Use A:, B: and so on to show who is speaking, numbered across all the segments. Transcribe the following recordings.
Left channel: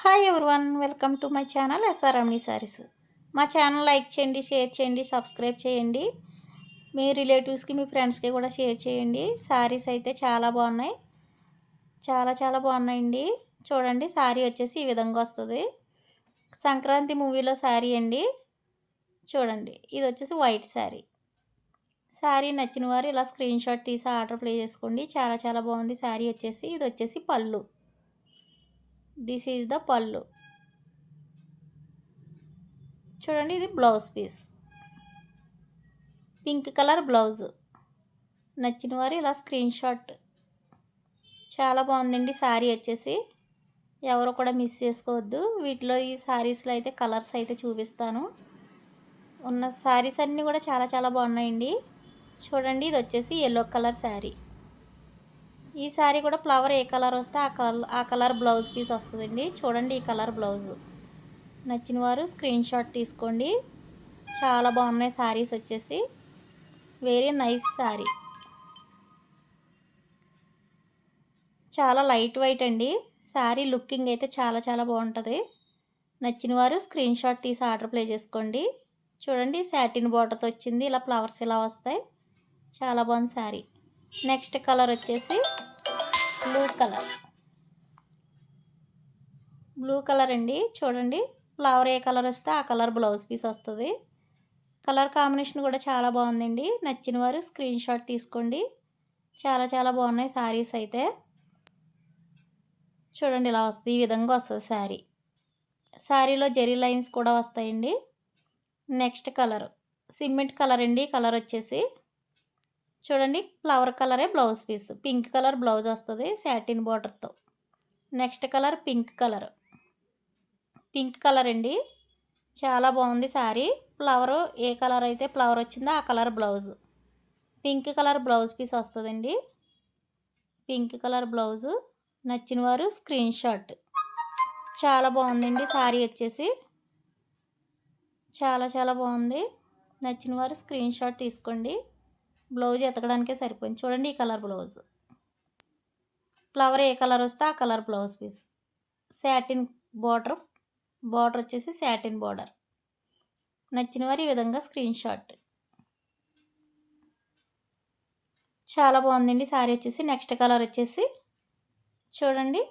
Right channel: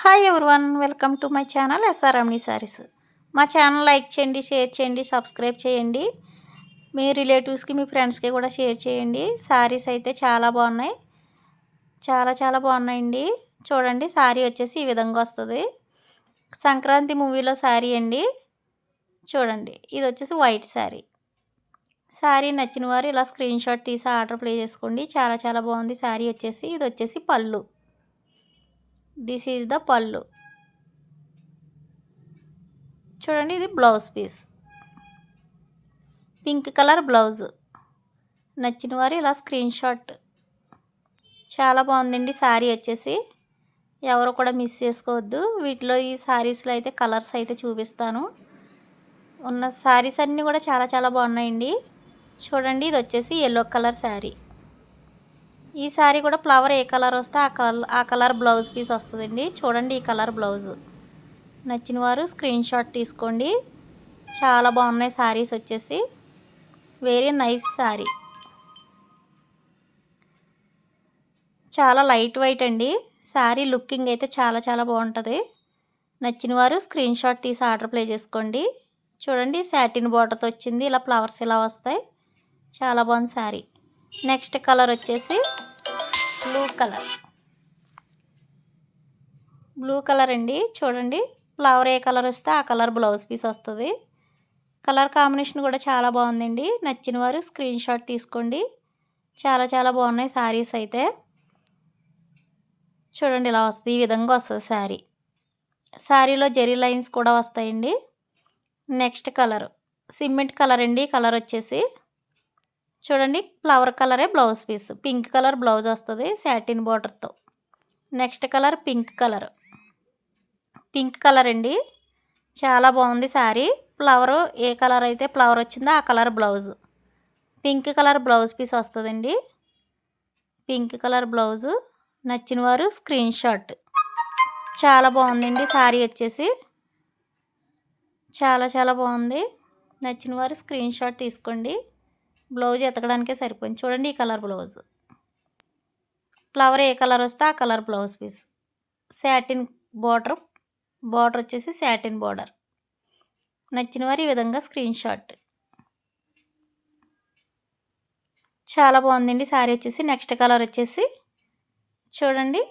A: Hi everyone welcome to my channel ఎస్ఆర్ఎంని saris. మా ఛానల్ like చేయండి షేర్ చేయండి సబ్స్క్రైబ్ చేయండి. మీ రిలేటివ్స్కి మీ ఫ్రెండ్స్కి కూడా షేర్ చేయండి. సారీస్ అయితే చాలా బాగున్నాయి. చాలా చాలా బాగున్నాయండి. చూడండి శారీ వచ్చేసి ఈ విధంగా వస్తుంది. సంక్రాంతి మూవీలో శారీ అండి. చూడండి ఇది వచ్చేసి వైట్ శారీ శారీ నచ్చిన వారు ఇలా స్క్రీన్ షాట్ తీసి ఆర్డర్ ప్లే చేసుకోండి. చాలా చాలా బాగుంది. శారీ వచ్చేసి ఇది వచ్చేసి పళ్ళు. దిస్ ఈజ్ ద పళ్ళు. చూడండి ఇది blouse piece. Pink colour blouse. నచ్చిన వారు ఇలా స్క్రీన్ షాట్. చాలా బాగుందండి శారీ వచ్చేసి. ఎవరు కూడా మిస్ చేసుకోవద్దు. వీటిలో ఈ శారీస్లో అయితే కలర్స్ అయితే చూపిస్తాను. ఉన్న శారీస్ అన్నీ కూడా చాలా చాలా బాగున్నాయండి. చూడండి ఇది వచ్చేసి ఎల్లో కలర్ శారీ ఈ శారీ కూడా ఫ్లవర్ ఏ కలర్ వస్తే ఆ కలర్ ఆ కలర్ బ్లౌజ్ పీస్ వస్తుందండి. చూడండి ఈ కలర్ బ్లౌజ్. నచ్చిన వారు స్క్రీన్ షాట్ తీసుకోండి. చాలా బాగున్నాయి శారీస్ వచ్చేసి. వెరీ నైస్ శారీ చాలా లైట్ వైట్ అండి. శారీ లుకింగ్ అయితే చాలా చాలా బాగుంటుంది. నచ్చిన వారు స్క్రీన్ షాట్ తీసి ఆర్డర్ ప్లే చేసుకోండి. చూడండి శాటిన్ బార్డర్తో వచ్చింది. ఇలా ఫ్లవర్స్ ఇలా వస్తాయి. చాలా బాగుంది శారీ నెక్స్ట్ కలర్ వచ్చేసి బ్లూ కలర్. బ్లూ కలర్ అండి. చూడండి. ఫ్లవర్ ఏ కలర్ వస్తే ఆ కలర్ బ్లౌజ్ పీస్ వస్తుంది. కలర్ కాంబినేషన్ కూడా చాలా బాగుందండి. నచ్చిన వారు స్క్రీన్ షాట్ తీసుకోండి. చాలా చాలా బాగున్నాయి శారీస్ అయితే. చూడండి ఇలా వస్తుంది. ఈ విధంగా వస్తుంది శారీ శారీలో జెరీ లైన్స్ కూడా వస్తాయండి. Next colour. సిమెంట్ కలర్ అండి. కలర్ వచ్చేసి చూడండి ఫ్లవర్ కలరే blouse piece. Pink colour blouse వస్తుంది శాటిన్ బార్డర్తో next colour pink colour. Pink colour అండి. చాలా బాగుంది శారీ ఫ్లవర్ ఏ కలర్ అయితే ఫ్లవర్ వచ్చిందో ఆ colour blouse. Pink colour blouse piece వస్తుందండి. Pink colour blouse. నచ్చిన వారు స్క్రీన్ షాట్. చాలా బాగుందండి శారీ వచ్చేసి. చాలా చాలా బాగుంది. నచ్చిన వారు స్క్రీన్ షాట్ తీసుకోండి. బ్లౌజ్ ఎతకడానికే సరిపోయింది. చూడండి ఈ కలర్ బ్లౌజ్. ఫ్లవర్ ఏ కలర్ వస్తే ఆ colour blouse piece. Satin border border వచ్చేసి శాటిన్ బార్డర్. నచ్చిన వారు ఈ విధంగా స్క్రీన్ షాట్. చాలా బాగుందండి. శారీ వచ్చేసి నెక్స్ట్ కలర్ వచ్చేసి చూడండి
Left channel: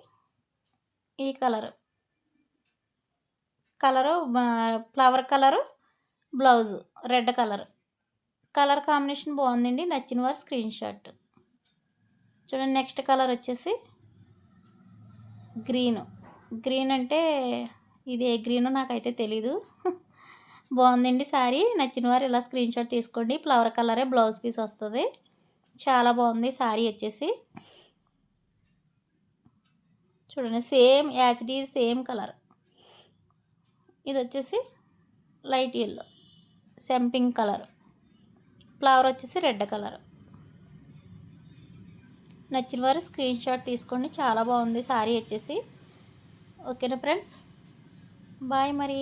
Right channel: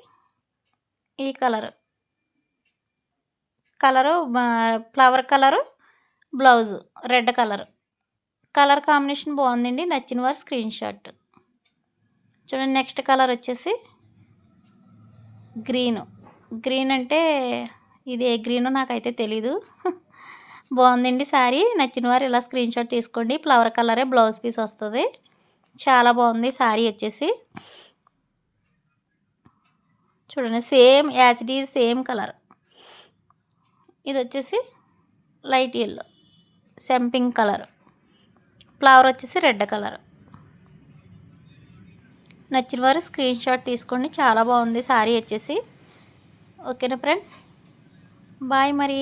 A: ఈ colour. Colour flower colour blouse red colour. Colour combination బాగుందండి. నచ్చిన వారు స్క్రీన్ షాట్. చూడండి నెక్స్ట్ కలర్ వచ్చేసి గ్రీను. గ్రీన్ అంటే ఇది ఏ గ్రీనో నాకైతే తెలీదు. బాగుందండి శారీ. నచ్చిన వారు ఇలా స్క్రీన్ షాట్ తీసుకోండి. ఫ్లవర్ కలరే బ్లౌజ్ పీస్ వస్తుంది. చాలా బాగుంది శారీ వచ్చేసి. చూడండి సేమ్ యాచ్డీ సేమ్ కలర్. ఇది వచ్చేసి లైట్ ఎల్లో సెంపింగ్ కలర్. ఫ్లవర్ వచ్చేసి రెడ్ కలర్. నచ్చిన వారు స్క్రీన్ షాట్ తీసుకోండి. చాలా బాగుంది శారీ వచ్చేసి. ఓకేనా ఫ్రెండ్స్? బాయ్ మరి.